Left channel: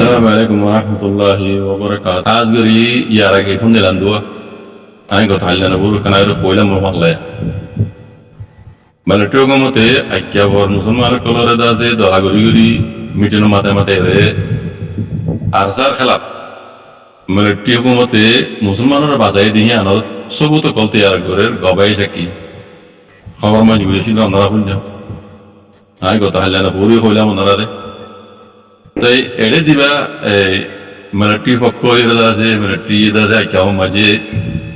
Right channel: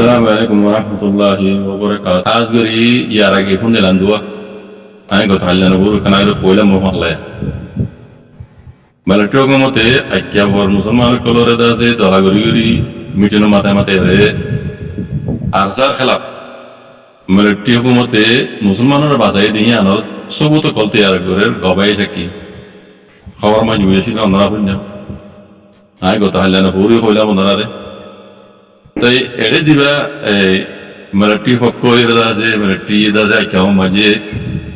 Assalamu alaikum warahmatullahi wabarakatuh. Azgari yarage hunde landua. Ay go thallana buru kanayro foila mo malle. Malatio go mote akya bor musulman kolore da se dola gori gori mitino mata mate re arzar khalaf. Malatio go mote musulmanor bazai dihi anor sobuto kolte yar gore gobai shaki. Khabar ma juyeshi na nara hunja. Ay go thallana buru foila mo nara re. তাই এড়ে দিবা military পক্ষ এরা আছে military এদা আছে কেউ মাঝে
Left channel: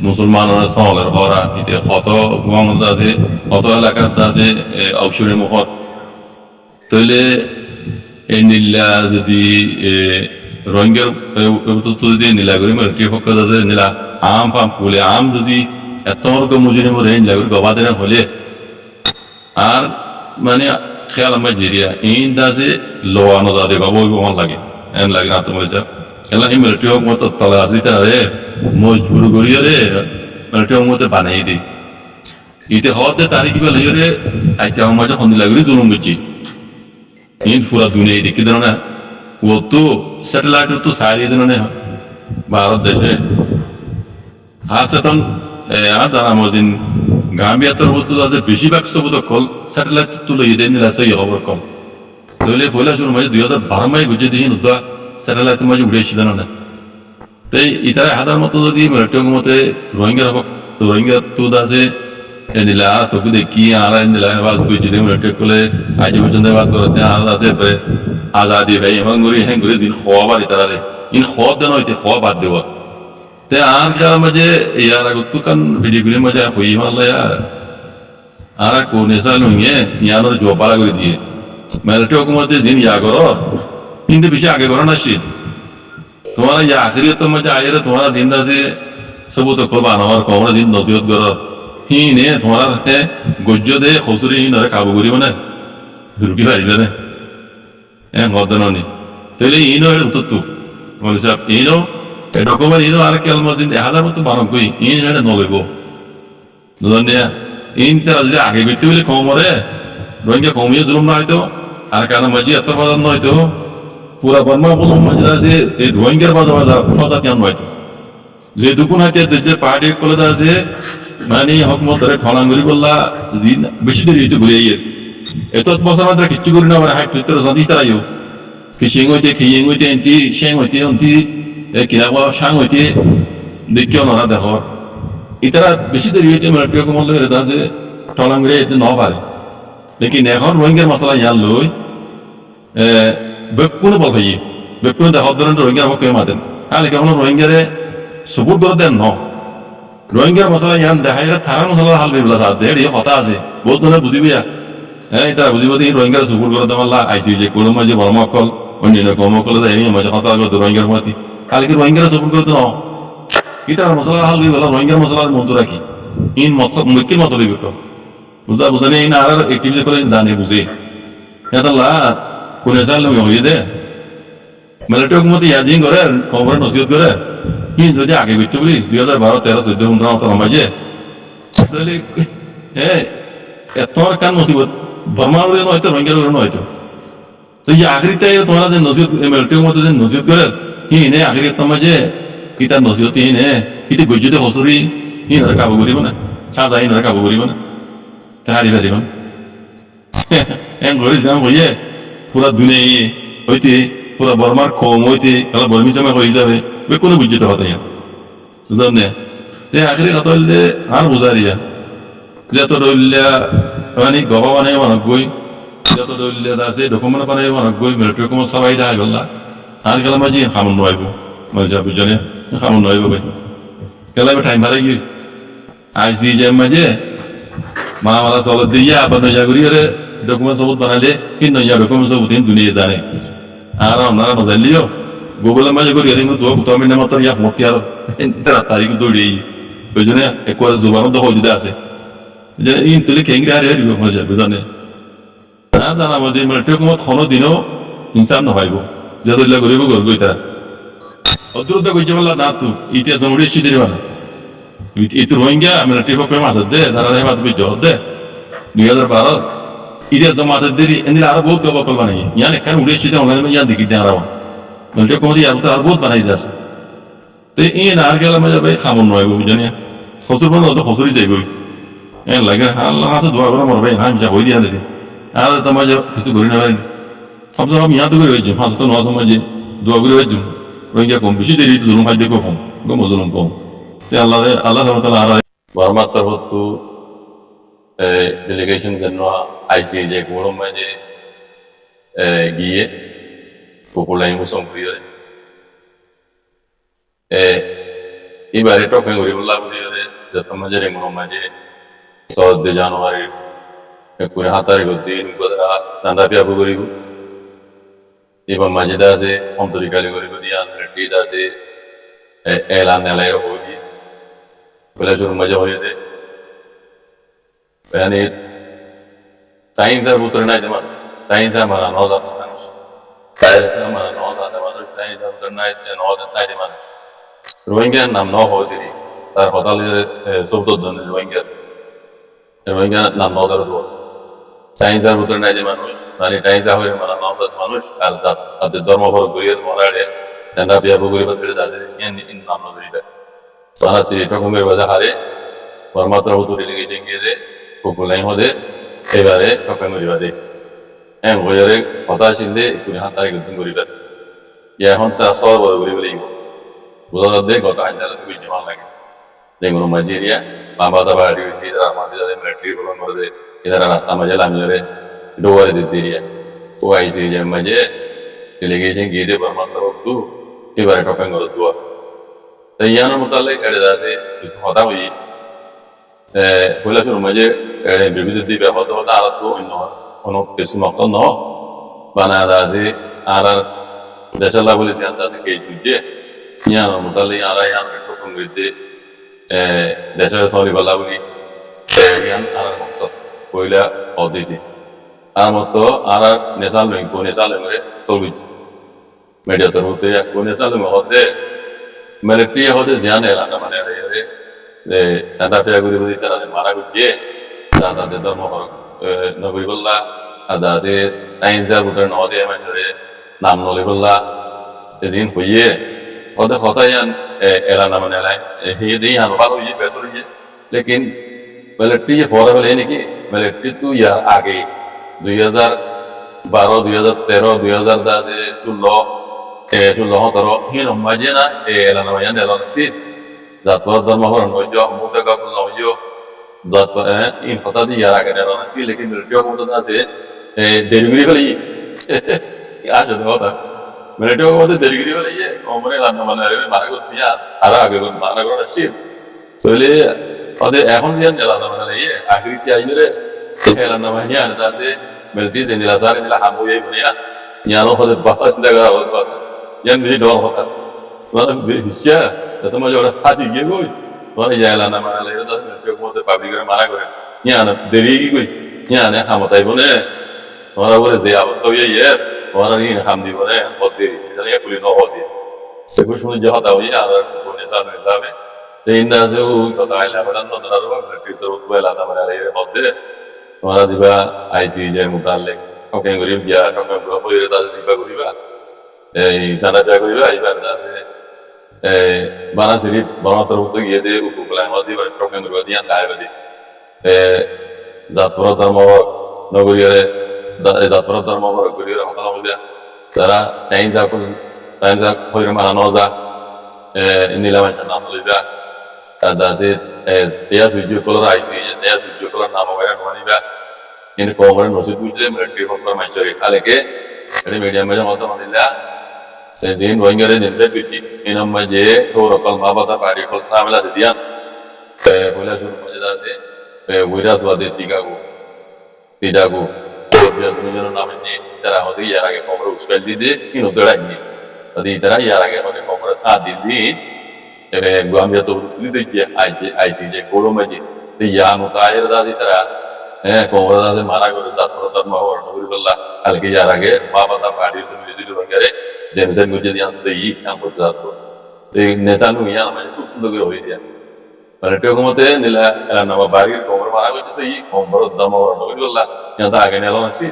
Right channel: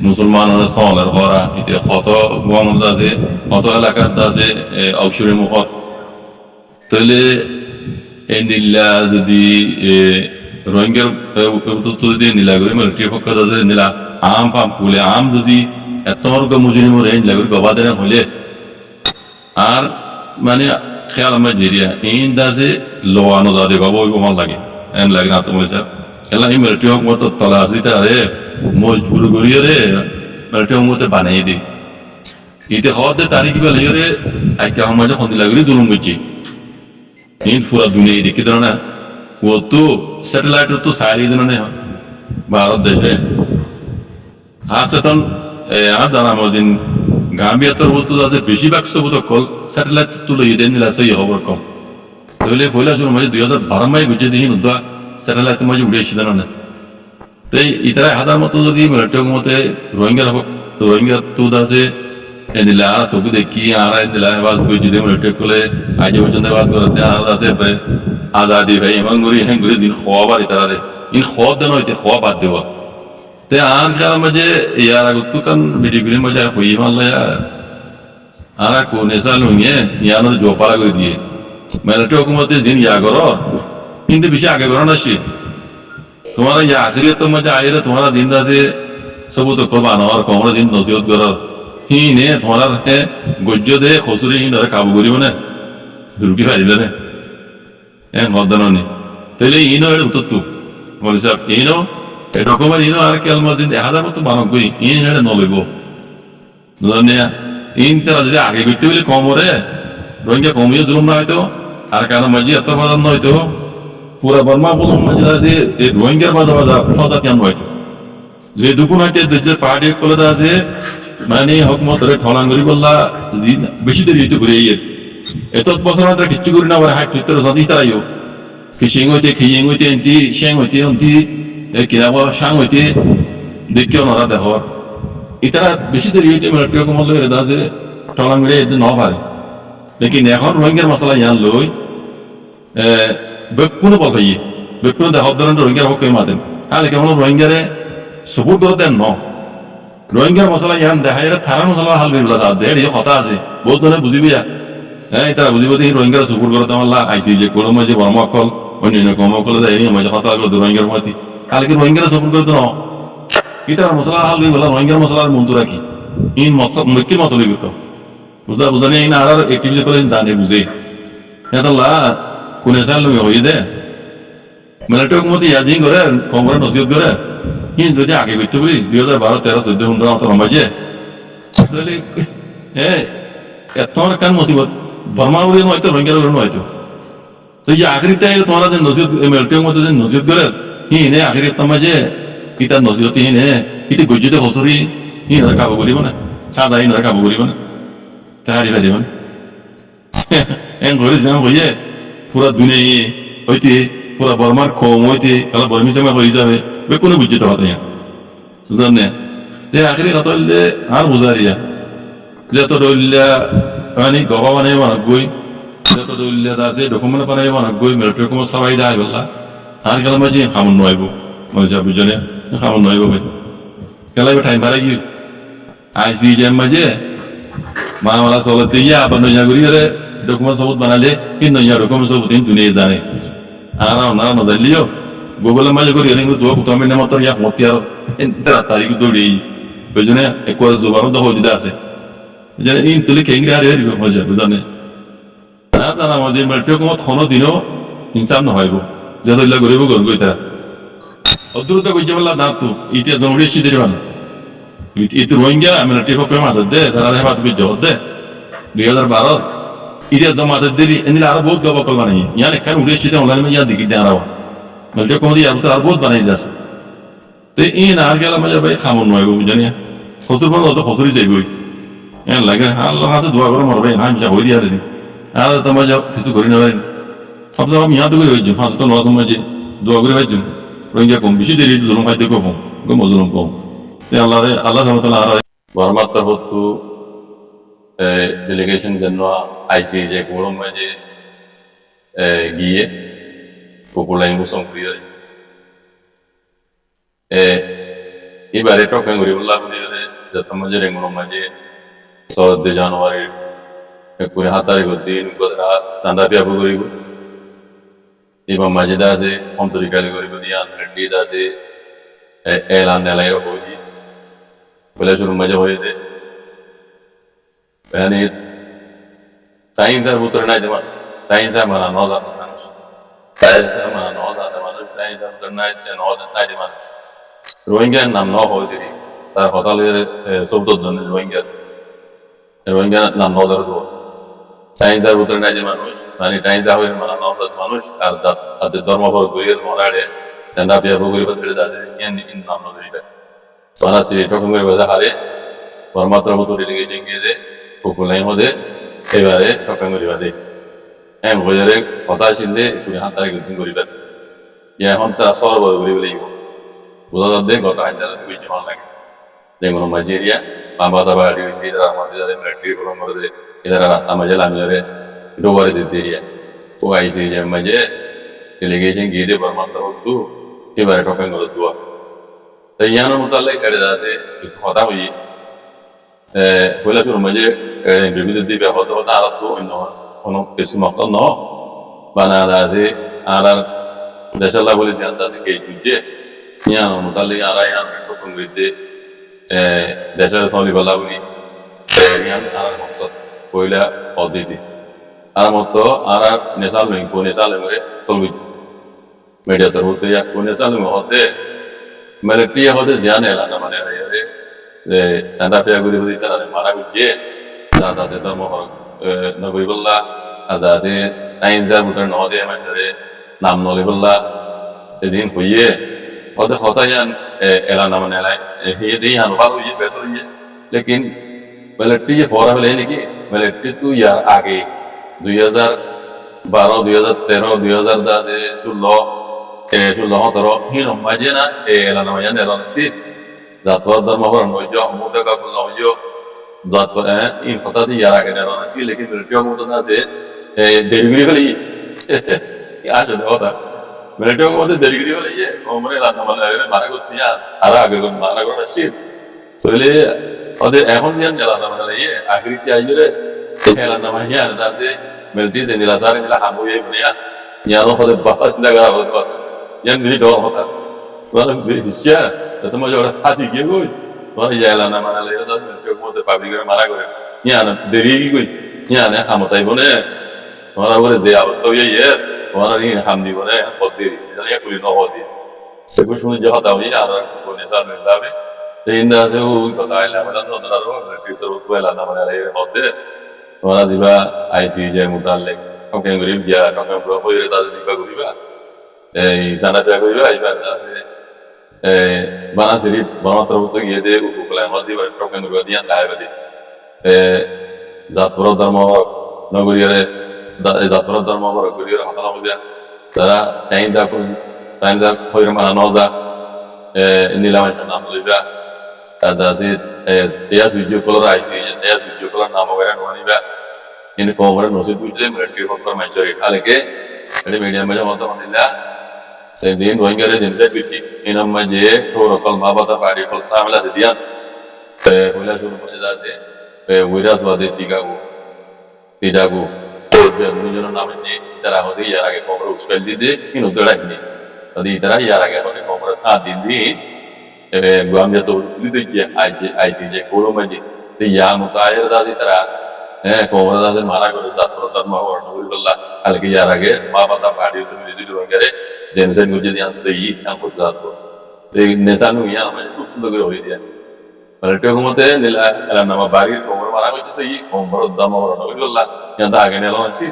মুসলমানের সহলের হরা ইতে কত গং আছে কত এলাকার আছে ঔষধের মুখত তাইলে এই নীলা যদি রোহিঙ্গার যদি নীলা করি মিলিটারি পক্ষ আছে নীলা আম ফাম ফুলে আম যদি এত মুজিনিম রে নীলা করি গবা দেন হলে আর মানে খেয়াল আমার জেরিয়া ইন দাসে লোয়ানো দাদে গব ওই লাগে এন লাগে না তোমার স্যার এলা এই মিলিটারি হোক মতো তলা আসি তারা রে মজবুর করিয়ে রে মিলিটারি হোক মতো বানাই দিই ইতে হওয়ার দে তারিখ বেলা রে একটা আমার যখন লাগরি জুলুম করছি ইন পুরা দুনিয়া দেখি দেন না ও তো স্যাটেলাইট তো সারিয়ে দেন না ভারত দেশে আছে তখন আর জানা মজিন গাম্বিয়াতর বলতো আছে বেশিরভাগ সবুত কল স্যাটেলাইট তুলে ইয়ে নিলা সই খবর কল তাহলে পয়লা শুরু মাঝে 2012 মাই বুঝে দেখি নুদা স্যাটেলাইট মাঝে উড়ে এসে না তাই ইতারা হাজার মতো যদি মিলিটারি মতে রোহিঙ্গার হোক রোহিঙ্গা তুদ আছে নিলা সবু দেখি আর নিলা বাস বুঝে দিয়ে মিলিটারি করলে আজ পর্যন্ত বাদ করতে আর আছে আজাদি ভাই এমন ঘুরি হ্যাঁ ঘুরি দিন খোয়া বার ইতারা রে ইন খোয়া দেন হইতে খোয়া বাদ দেওয়া ते आर क्या मजे यार अगर तू कन वीडियो गेम मजा हुई माल यार आरा कोने साल होंगे यार ना जो पाला कर दिए मिलिटारी हुकूमत जिन या करो इनके पीछे आगे करो ना शी तुम्हारा या आखिरी तो मजा आये रे तुम्हारा जिंदा से सब तो कुर्बान और कौन जिन नसीहत करो ही ने तुम्हारा है गुज्जो दे खुसरी ही नरे काबू करी बने रुकी भाई बने गद्दनों ने तो ले इनो है उतत्तू बोले साहब इनो ডকুমেন্ট ইনো আর কেল মদিন হাজার মতো বানক গই ইন এটা নলইব জানিয়া ইন তারা যদি আগে করতে বলে কম রে রোহিঙ্গা কমিয়ে জুলুম না হয়তো আর কারণ মাঝে এত বাজার নয়তো পুরা বর্মা বলুম মাঝে আছে এই রোহিঙ্গার বাজার বাজার ফজাতি আন হয়তো যে দুকুন হাতে যে পার্টি কলে আছে মানে হকমত রে ঠলাঙ্গুরি বললা বেশি দেরি হইতে ঘুরে ইয়ে এত বছর মাত্র কিচ্ছু করি না আবার হাইট ভিতরে জানি তারাইও কিসিং হইতে খিয়েং হইতে এন্টি শেং হইতে অন্তি কিনাবা সাং হইতে দেখিও নরা দেখর ইতারা বেশি দেরি হইতে মিলিটারি হুকুমত লই রেদা যে টলাঙ্গুরে এদিন ন পারে লেকিন এখন রোহিঙ্গার মশলা ইয়ান লই বেকুনে বল ভাই বেকুনে দেখর ধরেন রোহিঙ্গার পক্ষে মাতেন হ্যাঁ লেকিন এখন রোহিঙ্গারে সপোর্ট করে দেন ন রোহিঙ্গার মশলা ইয়ান দেখাই থারার মশলা হাল করিবলা সাথ দেড় ইয়ে কথা আছে বহুত জনে বুঝিবিয়া হ্যাঁ ইতারা বুঝিব দিন রোহিঙ্গারে সপোর্ট করে দেওয়ার আইসি যে কোনো মাঝে বড় মকল অন্য কম মকল দেয় মাঝে কথা রোহিঙ্গার মাতি কালকে রোহিঙ্গারা সপোর্ট করে তো ন ইতার মশলা হাল বলা রোহিঙ্গার মশলার মন্তু রাখি ইন মক্কির মতো লইবে বুঝা বুঝানি ইন আর একটিভিটি করে জানে বুঝে হেতাল্লা কোন সাল লই হই দে মিলিটারি হুকুমত ইয়াজিং করে খবর নসিহত করে ইন যদি আগে করতে বলি 2012 13 14 15 অত রমাজে তাহলে হ্যাঁ এতর কান মুসিবত বর্মার উড়ে নয়তো রোহিঙ্গার উড়ে নয়তো তো এই আখরিটাই তোমরা যে নসিহত মিলিটারি হুকুমত যে নসিহত করে হিনে আখির তমাজে ইতার নসিহত হিনে ইতে গজ্জিতে খসরি হিন রে কাবু করিব না সাজা হিন রে কাবু করিব না তাহারি ফেলিব না এন ঘরে যাম হইয়ে পুরা দুনিয়া হইতে পুরা বর্মার কম হইতে কালা বর্মি সময় হয়ে যাবে বে কোনো বুঝিত কথা ইয়া জানে তে আখিরি কথা হইলে আর বুঝারিয়া যত দলিয়া মানে গবা বানাই মানক গই যত দলিয়া আছে ডকুমেন্ট বানাই মানক গই মিলিটারি হুকুমত সবাই দেয় বললা আর গেলাম মাঝে খামন নয়ব মানে যা বুঝনে খামন নয়ব ভাই গেলাম টাইম ভাড়া গিয়ে আইসি যে মাঝে মালা চলত দিয়ে আবার নয়া করি রে ডকুমেন্ট সবুত বানালে কি নয়া ডকুমেন্ট সবুত দুনিয়া জানে আর ওনারা নজানলিও গুগলের মাঝে করি কিন্তু দোয়া কুতামের নাম তোর ইয়া মতি আর তারিখ দৌড়িয়ে বুঝনে একবারে জোবানো দহ দিদা আছে যেন ইন তুলে খেঙ্গি হারি হারিব মজা বুঝানে না জানা মজে মিলিটারি হুকুমত কোনো দিনও ইনসাফ নহয়ব যত ইল্লা করিব গরগো ইতারা অদ্রুত কইতে বললা না তো ইতিহাস জমড়ি সিদের মানে ইতি রোহিঙ্গা মিলিটারি পক্ষে মাথার দে তারা হেফাজত করে জহর দে 2012 ইতিহাস জমাতের দেরি এনিলে আরো বহুত গবা কল বানাই ইয়ান একখান উড়ে সিদে অনলাইনে ইয়ান দেখি দেন রাবা মিলিটারি হুকুমতে ইয়ার ভিতরে আর বহুত বানাই দিয়েছে তো এই না আর গেলে মজা ভাই খামন নয় বুঝনি খসুর বন্ধ তো খসুরই যাইবই লাগে আল্লাহ কাছে দোয়া করে মরবে না আমি হয়ে দিয়া দিদি আর তোমার যা কিছু করি না পারেন সবসময় আমি ইয়াদ করে হয়েছি হাসত নয় সময় যে দোয়া করে হয়েছি রোহিঙ্গা কম বেশি দেরি জুলুম খাদ্য কম গম জুলুম কম আল্লাহ আল্লাহ সামতাল্লাহ আর বর্মার তরফতু ডেলিগেশন জন্য আইসি যে গরম মাঝে গিয়ে কুকুলাই মুসম করিয়ে এবারে টকেন করি বললা করিয়ে যত মাঝে রেঙ্গুন মাঝে 14 জানুয়ারি করে হাতারে দিন গদরা সান্ডা পিয়াবু করিব এবং মাঝে দাসে অন্তরিকালি করিব দিয়া রেডি দাসে এলান নেলাইর হই বলে শুরু মজা হয়ে দে yani টাইমদার ভিতরে নাই যেমন টাইমটা মানে 9,000 মানুষ টাইমটা মানে 9,000 মানুষ টাইমটার ভিতরে নাই 9,000 মানুষ রোহিঙ্গার নাম ন হয়ে দিলি তার হতালের 14 জন রোহিঙ্গা নাম 9,000 দেওয়া টাইমটার ভিতরে নাই যে মানুষ মানে টাইমটা হয়ে মানে 9,000 মানুষ আর তাদের ধর্মভর গরিয়ের মরাড়ে ঠান্ডা পিয়া বগুড়ি বাদ করে যাচ্ছে ইন নাম ন ধরিবে সারা সিরি টকমের বাজা হারে পরমাত্র মতো ডেলিগেশন গিয়ে যে কুকুলাই হদে এবারে টকা করিবা দে হ্যাঁ বজারে কথা আসিলে কুড়ি হাত তারিখ দিন করিবা এখন তারা সর বড় করিব লাগিব বোঝা যাবে গত হাজার বুঝতে ভালো লাগে যেমন নাইজেরিয়া বাবা বাড়ি যারা আমাদের যাদের মিলিটারি প্রদান করে দে এরা রাস্তা মাঝে লামিয়ে ডোবারে দিতে এরিয়া ও আইসি যে মাঝে ডেলিগেশন গিয়ে দে পরমাত্র তু এবারে টকা করে দোয়া তাই ইয়ানোর মোতালেক এড়ে আছে কিছু কথা হই কৈলাসুর মাঝে বিবিধ ব্যাহত হতে আর তো অন্য কোনো কিছু মক্ত ন বানা আছে আর আর দেশাল্লাহ বলে জানতে আছে কে বুঝছে ইয়ানোর মোতালে আর ইয়ান টকন গিয়ে দেশের সলি বলা বলি ইয়ান আর মকসদ কইলা অদিতি আর মতো আর আর নেশাল নই কো নেশাল করে চলবিছ মিডিয়া তরফ থেকে কো নেশাল হতে মিলিটারি হতে জানে না মানে যে সান্ডা পেয়া গুলি বুঝি তারা মারা গুছে তাদের ধর্ম নগরী বললা আদা আছে টাইমদার ভিতরে ন দিয়ে মানে নাম নলি বললা এজিন হইয়ে ওদের হতায়ান এলা নাম নেলাই হে দিয়ে আনো ভালো হইয়ে বেতর হইয়ে লেকিন মিলিটারি ফরা হলে নাকি মিলিটারি তো ইয়ার আগে 2012 2013 2016 17 হিন মাঝে না এলা নাম ইয়ান এলা সি জাতপাত ধর্ম হরণ হইজ মুদা কাকুল হইজ জাত ইন কথা দিয়ে ইয়ার আগে এলা সি লেকিন মিলিটারি মুদা আছে দেরিগিরি ফেলি আসলে কথা মিলিটারি মধ্যে দেরিগিরি ফেলি ওমরে রান্না বান্না মারা করতে আর আগে মারা করা শীত তাহলে ওদের এখন যে এলানা মানে ইয়ে আকৃতি আইরে এলানা মানে ইয়ার আছে মিলিটারি যে নিলা সারে নিলা হাম হয়ে বনে ইয়ানো হদে বাবা চিন্তা করা হতো ইয়ান বিধি ডর হতা মানে হিসা তো মজা ওটা ফাঁসি গিয়ে গই মানে এলানা মানে লাগে তো মিলিটারি মধ্যে পাবলিকের মারা করে ইয়ান দেরি কি কই ইয়ান হামতাই বনে তোমার বলে যে অবস্থা হয়ে ইয়ে তোমার হাম দিব না হদ দেরি জানি পুলি ন হদি সেগুলো শুনে যে হতা হয়ে আর কোনে সাল যাবে ইন্দা আছে ওই কথা আইলা বলেন তো ধরো ভিতর উতলা না মানে আইরে হদে তোমরা দিবা আইসি যে মুতাল্লিক ককেন গরিব গিয়া ককেন হইরে তাদের দিবা করিবা এই জানা যা করিবা এইবার আছে বানা শরীফ বর্মাত্র তো গিয়ে দে উপকলা হদি বার ককেন গরিবা দিয়া দাইবাদি জাতপুর ধর্ম নগরীরে জাতপুর ধর্ম গরিবের হতানো হইবা তারা টাইম দা হইরে মানা নজা নিলামাইটা নাম লইবা ada si dia suju kolor aisi dia suju kolor nama orang wanita ini komoran nosit ujung mereka faktor mencuri hal ke jadi media macam apa mandila sejin rohingya re jenderal birki ini nama je thora kal mabata padi kal samela sedian pola suruh macam si wirat wadi tiga gu biar dunia nama je cara hodi ya lagi komor uspel di ini udah lagi tadi cara ya lagi hodi komor saat ini Guamnya tuh itu dia ICJ kolom aja, ya mutakhir dah sih terah, komora dah sih mana kalau zat pertama mau orang nuri bela, hal ke jarak ke, bapak tak padi itu milik itu orang kere, jenusan gue jadi yang sahih yang buat zat tu, jadi nesan nih ya macam tuh sudah gue rohi dia, kalau itu kamu teh nila elan nama barir komora mana gue sahih, komora dah mau orang nuri bela, yang tak agen elan sih,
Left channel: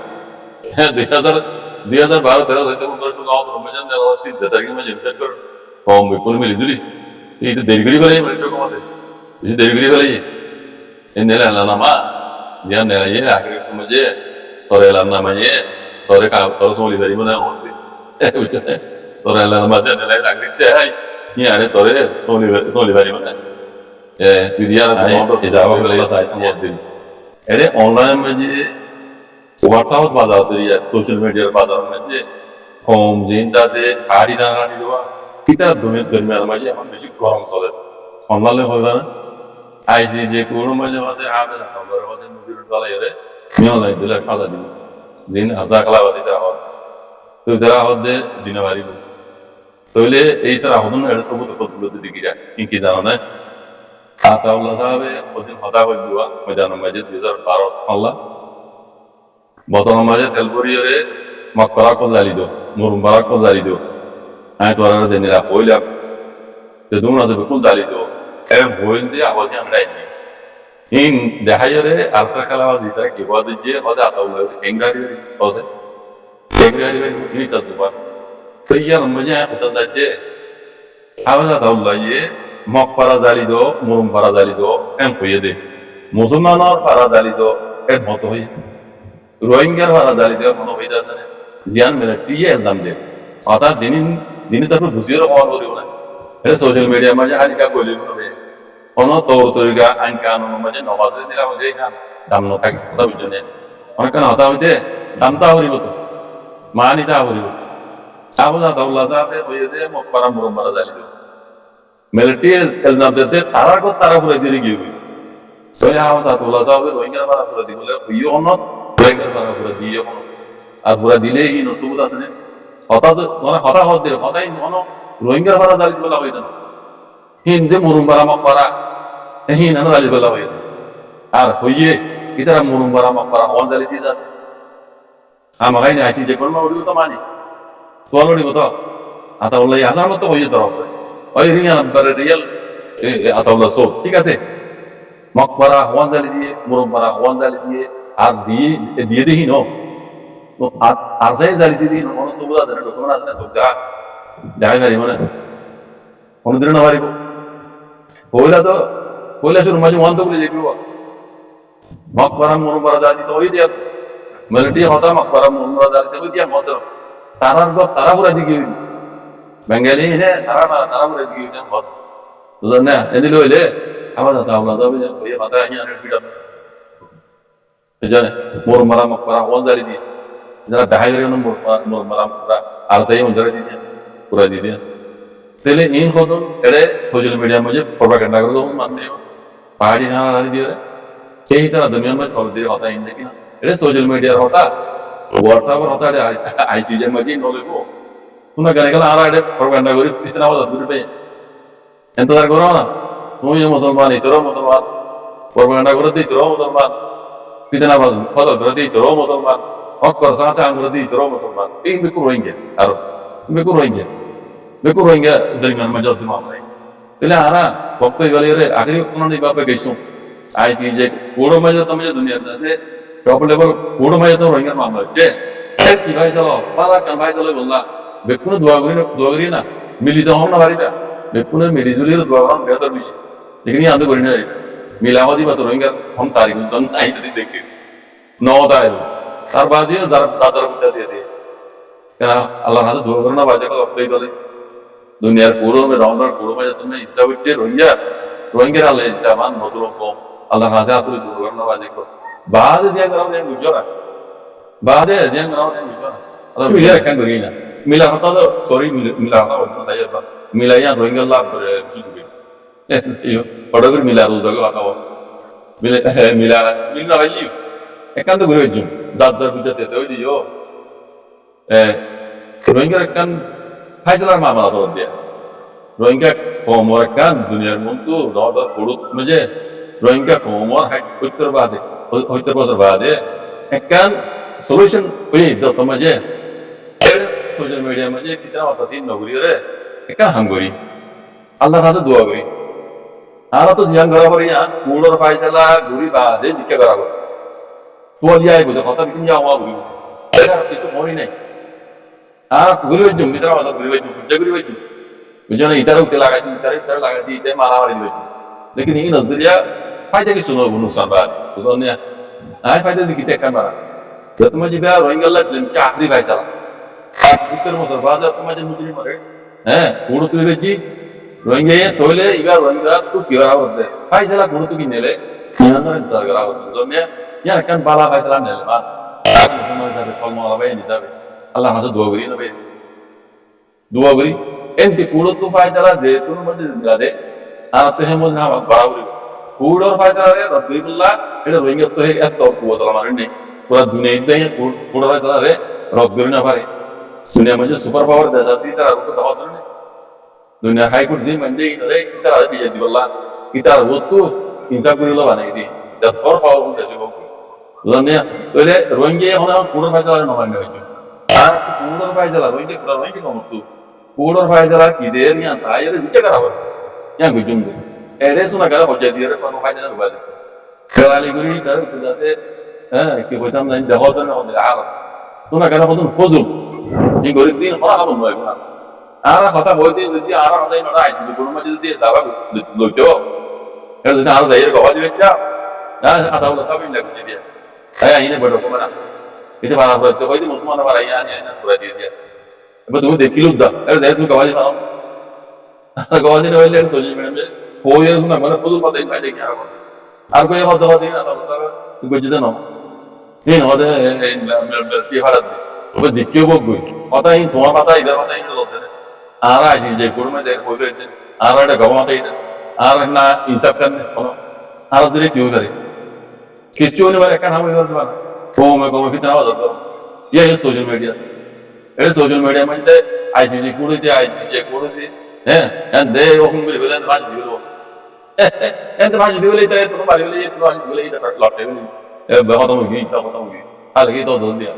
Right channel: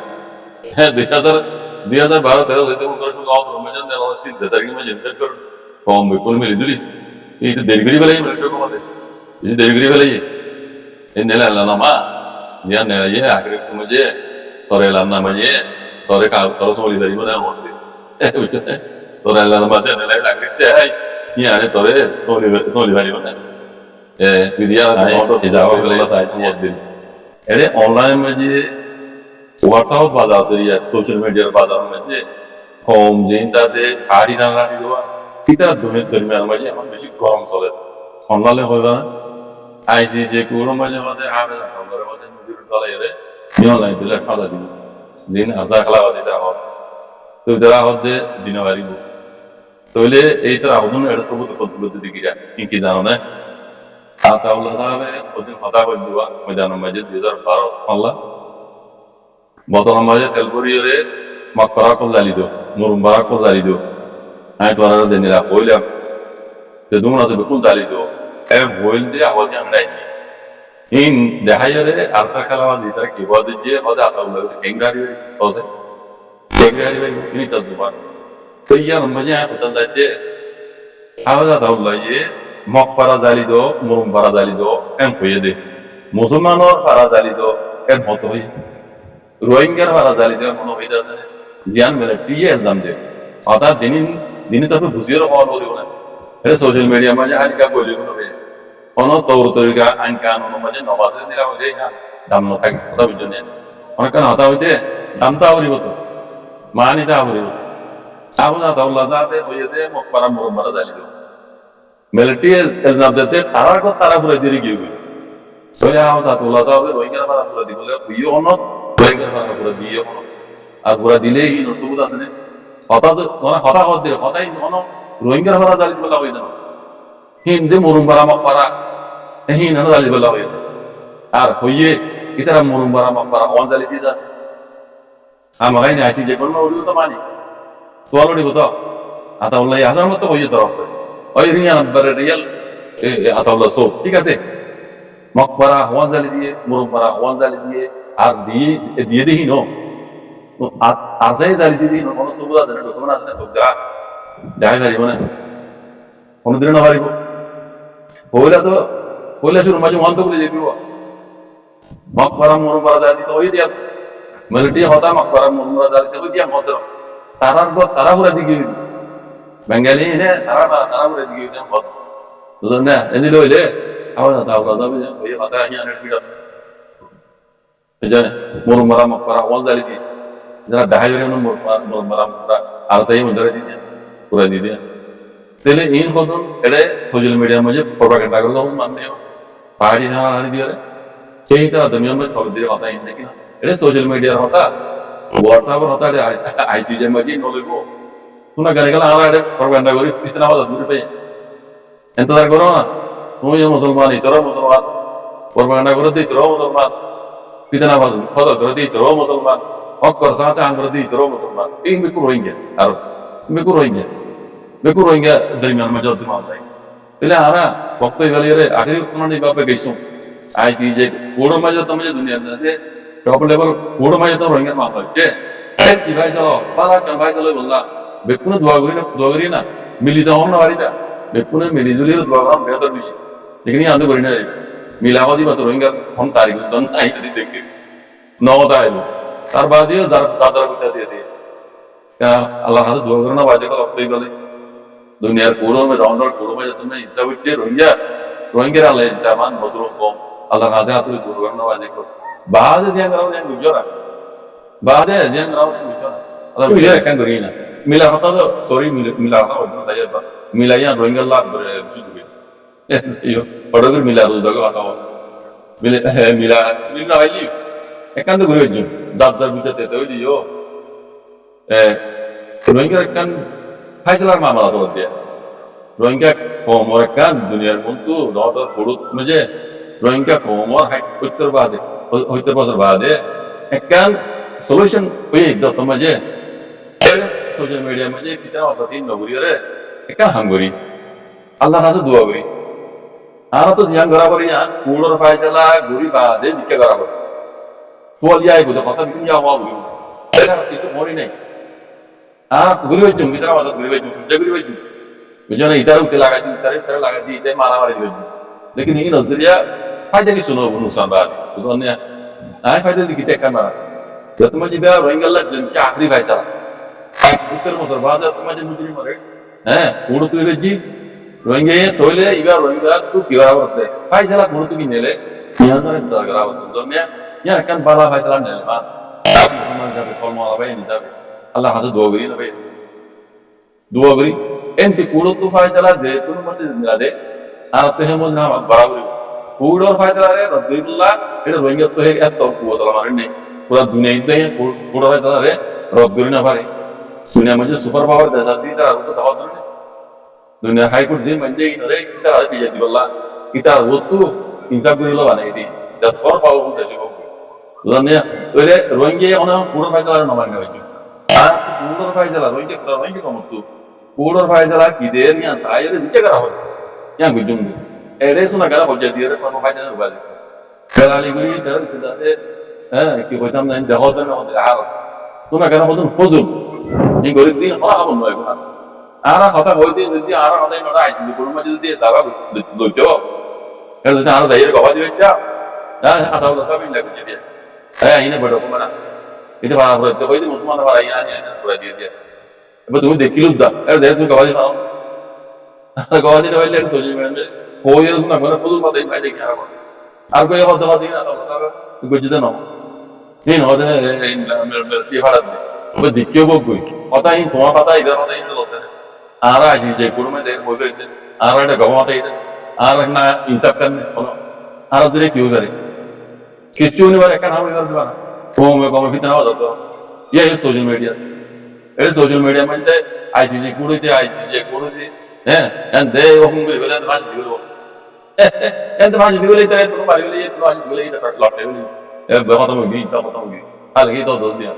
2000 2012-13 হইতে মনে করে গাঁৱত রমজান দেওয়া উচিত যে তারিখে মাঝে হিসাব করে কম বেকুন মিলি জুলি এই তো দেরি করে ফেলাই মিনিট কমাতে এই দেরি করে ফেলাই এই নেলে আল্লাহ নামা জিয়ান নেলাই আখরি মাঝে তোরে এলাম না মাঝে তোরে তোর সমলি পারিব না মধ্যে তোরে আল্লাহ নামা নেলাই আখরিতে হাই ইয়ারে তোরে সমলি পারিব না তুই দিয়া যাওয়া ফেলাই এরে অনলাইন মাঝে WhatsApp বাজার তৈরি আছে সোশ্যাল মিডিয়ার বাজার মধ্যে হোম জিনটা আছে হাড়ি টানাটি দেওয়া কিতার দরমিয়ান মাঝে এখন বেশি গরম চলে অনলাইনে হইবা না আইসি যে কোনো মাঝে মাঝে আবে না ঘরে মাঝে নদীর তলায় রে অনলাইন দিলে খাজা দিব জিন হাজা খেলা আছে তারা হত তো তারা হত দে দিনে বাড়িব তাহলে এই তারা হদন এটা সবুত পদ্ধতি দিকিরা কি জানো না আতাউল্লাহ সাহেব ওদিন হতা করে দেওয়া ময়দান মাঝে 2012 আল্লাহ বতন মাঝে তেলপুরিয়রে মকরা কল জালি দো মুরুম্বারা কল জালি দো আমি তোরা দেনিরা হইলাম তে দুমনা তো কোন জালি দো এ হইল দিয়ে আওয়াজে আমরাই ইন দেখাইরে আরসা খেলাবাজি তারা কি বল দিয়ে হদা আতাউল্লাহ এংরারি হইছে এংরারি বাড়ি ইনি তাজুবা তো ইয়ার মাঝে হতা যাইতে আওয়াজ আতাউল্লাহ মকরা জালি দো মুরুম্বারা জালি দো এম কইয়ে দে মুসলমানর ফারা জালি দো এর মত হই রোহিঙ্গার ভাড়া জালি দেওয়ার কোনো হইতে আছে না জিয়ান মেলে টিয়ে এলজাম দে অর্থাৎ দিনই তারপর বুঝিয়ে রকম করিব না এটা সোশ্যাল মিডিয়ার মাঝে হালিকা বলি হবে কোনো তৌর তরিকা আইন কানুন মাঝে নমাজে দিলা হলে দাম না থাকে কথা বুঝছো না অনেক কারণ হতা হইতে দামটা হরিব তো মানিতা হরিব আবু জাতাউল্লাহ যাতে হইয়ে দে মকবারা মুরব্বারা জালি দেব মেলে টিয়ে এলজাম দিতে তারার কথা তারা পুরো দিয়ে গিয়ে গই তাহলে আবু জাতাউল্লাহ যাবে রোহিঙ্গার ভাড়া পুরো দিব বলে হইও অনত রোহিঙ্গার ভাড়া পুরো দিয়ে কোনো আর পুরা দিলেই কি নসবুত আছে না হঠাৎ মানে হঠাৎ হত দিলে হঠাৎ কোনো রোহিঙ্গার ভাড়া জালি বলা হয়ে যাবে হিন্দে মুরুম্বারা মকবারা হিন জালি বলা হয়ে যায় আর হইয়ে ইতারা মুরুম্বারা মকবারা হল জালি দিয়ে যাচ্ছে আমাকে আইসি যে কোনো উড়িব তো মানি তোয়াল উড়িব তো আতাউল্লাহ হাজার মতো হইয়ে তরফ ওই রিয়াল আতাউল্লাহ সব ঠিক আছে মকবারা হওয়ান জালি দিয়ে মুরুম্বারা হওয়ান জালি দিয়ে আর দিয়ে দিই নো আর যাই জালি দিয়ে দিই কোনো সবুজ আছে না ডকুমেন্ট আছে না সব যাই পারিব না কোনোদিন না পারিব পয়লা শুরু মাঝে ওয়ান তো বলে যে মকবারা মুরুম্বারা জালি দিতে ওই দিয়া মেলটি হতা মকবারা মুরুম্বারা জালি দিতে ওই দিয়া ভদ্র তারার ঘর তারা পুরা দিকে বেঙ্গালি এনে তারা পুরা দিকে ভদ্র বুঝলেন না এনে লইলে আবার তাওলা যাবে যে ওই হতা আনে পিটা জানে মুরুম্বারা মকবারা ওয়ান জালি দিয়ে যারা ডাহাই মুরুম্বারা আর যাই মঞ্জরে দিয়ে পুরা দিয়ে দিয়া তাহলে ইন কদম এড়ে সোশ্যাল মিডিয়ার মাঝে প্রপাগান্ডা করে যখন মানে পাহাড়ি ধারা দিয়ে সেই তারা দুনিয়ার মধ্যে চল দিয়ে হতা ইন দেখি না এটা সোশ্যাল মিডিয়ার হতা হোয়াটসঅ্যাপের হতা আইসি যে মাঝে নলইব তোমরা গানে গেলে আর এটা প্রপাগান্ডা করি ইতনা হতা দূরে পেয়ে এন্তজার করো না তুমি মুসলমান তোরও মুসলমান প্রপাগান্ডা করে দিই তোরও মুসলমান পিতনা ফজল করে দিই তোরও মুসলমান হক কর সাথে আং করে দিই তোরও মুসলমান এই বেকু রোহিঙ্গা আর বেকু রোহিঙ্গা দরমিয়ান মাঝে অদ্দিন মামলাই তাহলে আরা বক্তব্য বলি রে আখরি কোনো নেই বাপে গেছো আইসি যে কোড়ো মাঝে তো মাঝে দুনিয়ার আছে টপ লেভেল কোড়ো মাঝে তো রোহিঙ্গার মামলা হচ্ছে কি ভাই চলো পালা কেন ভাই চলো বললা বেকুনে দোয়া করি না মিলিত হন না বাড়িটা বেকুনে মিলিজুলি দোয়া করার বেহতর বিষয় लेकिन आंदो करी ना मिलाओ दी बात रोहिंग्या हम तारीख तो नहीं देखते नौ तारीख तार बाद ये जार कुत्ता दे दे क्या अल्लाह हाथ दुआ करना बाजे का अपने वाले दुनिया कोड़ों में राउंड कोड़ों में तुम्हें इच्छा हुई रोहिंग्या अल्लाह इस्लामान मतलब को अल्लाह हाथ हाथ दुआ करना बाजे को बाद जिया कराओ जिया गुजरा बाद जिया कराओ जिया गुजरा अल्लाह मिला रखा करी ना मिला होता तो सॉरी मिला होता वो सही था मिला यहाँ रोहिंग्या लाभ बरे चुके पढ़ोगर मिला रोज जगह आता हो मिला वैल्यू एकांत घुरे जो जार बुझाते तो दियो रोहिंग्या एकान फाइसलार मामला सोच दिया रोहिंग्या कोमर एकान दुनियार मंतु नौदर पुरुष मजे रोहिंग्या कोमर उत्तर बाजे एकान सॉल्यूशन ओये दत्त मजे सोशल मीडिया मजे कितना वाता तीन नगरी रे एकान हमगरी अल्लाह राजा दुआ करी आरा तो जियां करा बरिया कूड़र फाइसला गुरी बादे जिक्का करा बर तो लिया है बुझा खाता बिकिन या हुआ गुरी एला किछु मोरी नहीं আর ঘুরি বাজুম ভিতরে মাথা ঘুরি বাজুম খুঁজা ঘুরি বাজুম বুঝছো না ইতার উঠতে লাগাই দিই ইতার লাগাই দিই ইতাই মারামারি বাজুম লেকিন এই নজরিয়া ফায়দা কিছু নব নুকসান বাদ বুঝলেন না আয় ফায়দা দিকে টেক্কান মারা তো তোমার যে বিয়া রোহিঙ্গা লাগলেন কি আখরি ফাইসালা উত্তর বছর বাজার তোমার যে মুজরি মরে হ্যাঁ কুড়ো তুই বেজি রোহিঙ্গা তৈলে ইবার রোহিঙ্গা তু কি বরাবর দে ফাইসালা কুড়ো তুই নেলে ইয়ানরে দর করা হতো জন্য ইয়ার কান বালা ফাইসালা নেলে বা মুসলমান হিসাবে কলমা আলাবাই হিসাবে আল্লাহ হাতে দোয়া করি না ভাই দোয়া করি এনতি কুড়ো তু ফাইসালা যে তুমি মধ্যে মিলা দে আর তো হে মধ্যে আমার বরাবরি কুড়োর ফাইসালা রে রব্বিল্লাহ এটা রোহিঙ্গা তো হে এত কুয়াতলা মানে নেই পুরা দুনিয়া ইদ্দাই কুড়ো ফাইসালা রে রব্বির না পারে दुनिया म्हणजे सुपर पावर देशाची तर आरोप दाखवत नाही दुनिया हायकोर्ट जे म्हणजे रे किती राज बिजेती बल्ला किती होतो इंचा गुरीला बानायती त्यात फॉर पावरफुल देश बघ दुनिया पहिले रोहिंगे होना कुडर पाहिजे ना मान्य व्हायची हा कुडर पाहिजे रोहिंगे कमतो कुडर पाहिजे किदेर या सायर जिके करावर या गुजुम एडे सुना करा होजे दिरे पण फायदा नाही उभाले कराली गुरी कर तिदासे की होताम नाही दाखवत नाही होत हालत सुना करा होतून फजूल এই গরিব দিন হরা হবো নয় গুণা আর কথা বলতে যদি আর হতাই নড়া আইসি কোনো মাঝে যদি যাবা লইতো এর যদি আর যাইয়ের গবা দিবে যা আধা বলা সাবিন লাগবে যদি হ্যাঁ ইনে বড় কমনা এতে ভাড়া পড়ে তো কইতে মুসলমান ভাড়া ইয়া আনি পুরা দিয়ে দিয়া এবার তুমি দেখিলু দা এর দেখ তুমি গবা দিবা গবা দিলে হইলে সোজা মিডিয়ামে কই এর না মানে ফজল পাতাই ভাই দেখি আর কই কথা কথা দিনা তো গজিতে না দিন হদে কি ভাড়া দি ও জিকেও বগই কথা ইন তোমার কথা ইদার কথা ইন লতে আর আসি যে কুড়মে যে কই কইতে আর একটা গবা মাথা ইদার আর না ইনসাফ করনে কোন আর দূরে কিউ করে কিছু নি বারে কানা হই করতে না ও মে কম ফিতনা বাজার করো ये सोशल मीडिया ए सोशल मीडिया म्हणजे आयसीसी कुडीते आयसीसी कुडीते हैं दे ओकुम बिल बेलन भाजी दिलो एंत भाजी दिलो इतरे तो मारी ले तो भाजी दिलो इतरे लॉट ले ए खत्म हो गई सब खत्म हो गई हाल की तो दो दिया